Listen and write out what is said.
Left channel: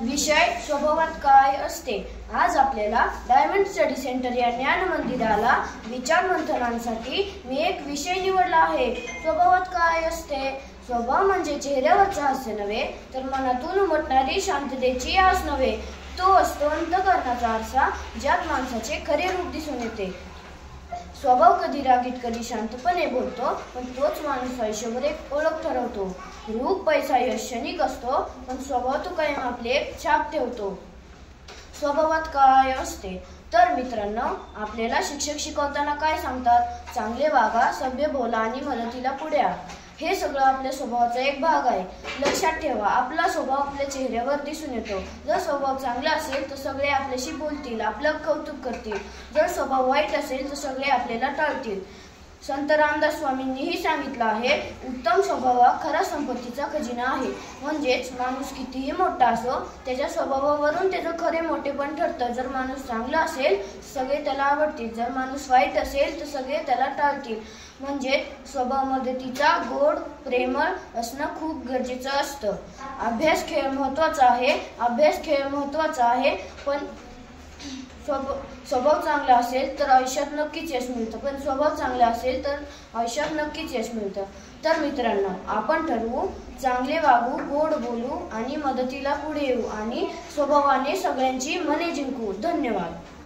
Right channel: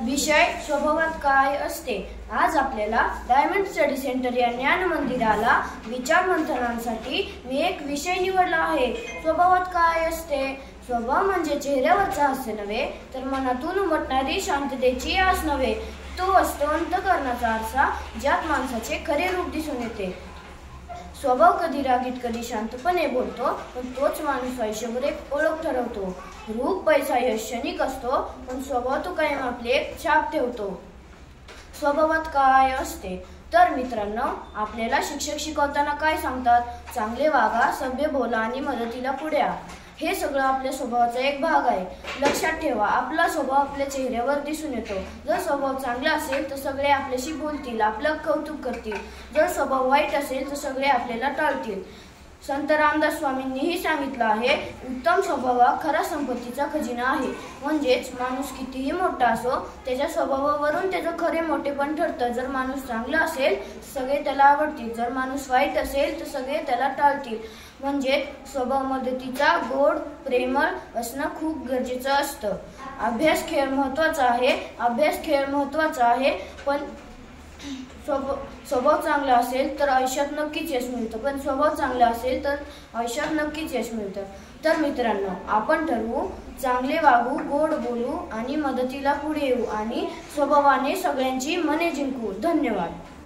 विषय स्वभावात काय असते। आज आपल्याला डायमंड स्टडी सेंटर या ज्ञान मंदिराला विचार मंथनासाठी मी एक विषय निवडला आहे। स्वभावात काय असते। स्वभाव म्हणजे चेहऱ्यावरचा हास्य नव्हे तर मनातून उमटणारी शांततेची आस नव्हे, तो असतो अंतःकरणाचा आरसा ज्यात माणसाचे खरे रूप दिसून येते। स्वभाव कधी रागीत कधी शांतपणे बोलतो, पण तोच माणूस आयुष्यावर एक ओळख ठरवतो। रूप पैसा यश क्षणिक असतो, पण स्वभाव तो कायम आपले एक छाप ठेवतो। स्वभावात काय असते तर मित्रांनो, आपल्याला शिक्षक शिकवताना काय सांगतात, चांगले वागा, सभ्य बोला आणि मदतीला पुढे या। हे सगळं आपल्या स्वभावाचा एक भाग आहे। लक्षात ठेवा, आपला स्वभाव आपल्या चेहऱ्यावर दिसून येतो। जर स्वभाव चांगला असेल तर सगळे आपल्याशी बोलतील, आपलं कौतुक करतील। जर स्वभाव वाईट असेल तर सगळे आपल्याला टाळतील। संत रामदास स्वामींनीही सांगितलं आहे, उत्तम स्वभाव हा खरा संपत्तीचा खजिना आहे। म्हणजेच माणूस कितीही मोठा असो, त्याच्या स्वभावावरून त्याचं खरे मोठेपण ठरतं। जर माणूस चांगला असेल तर सगळे त्याला आवडतील, जर माणूस वाईट असेल तर सगळे त्याला टाळतील। म्हणजे स्वभाव मदतीचा, गोड, प्रेमळ असणं खूप गरजेचं असतं। अभ्यास खेळ महत्त्वाचा आहे, पण स्वभाव चांगला असेल तर आयुष्यात नक्कीच यश मिळतं। पण स्वभाव चांगला असेल तर आयुष्यात नक्कीच यश मिळतं। तर मित्रांनो, आपण ठरवू, चांगले वागू, गोड बोलू आणि मदतीला पुढे येऊ आणि स्वभावाने सगळ्यांची मने जिंकू। धन्यवाद।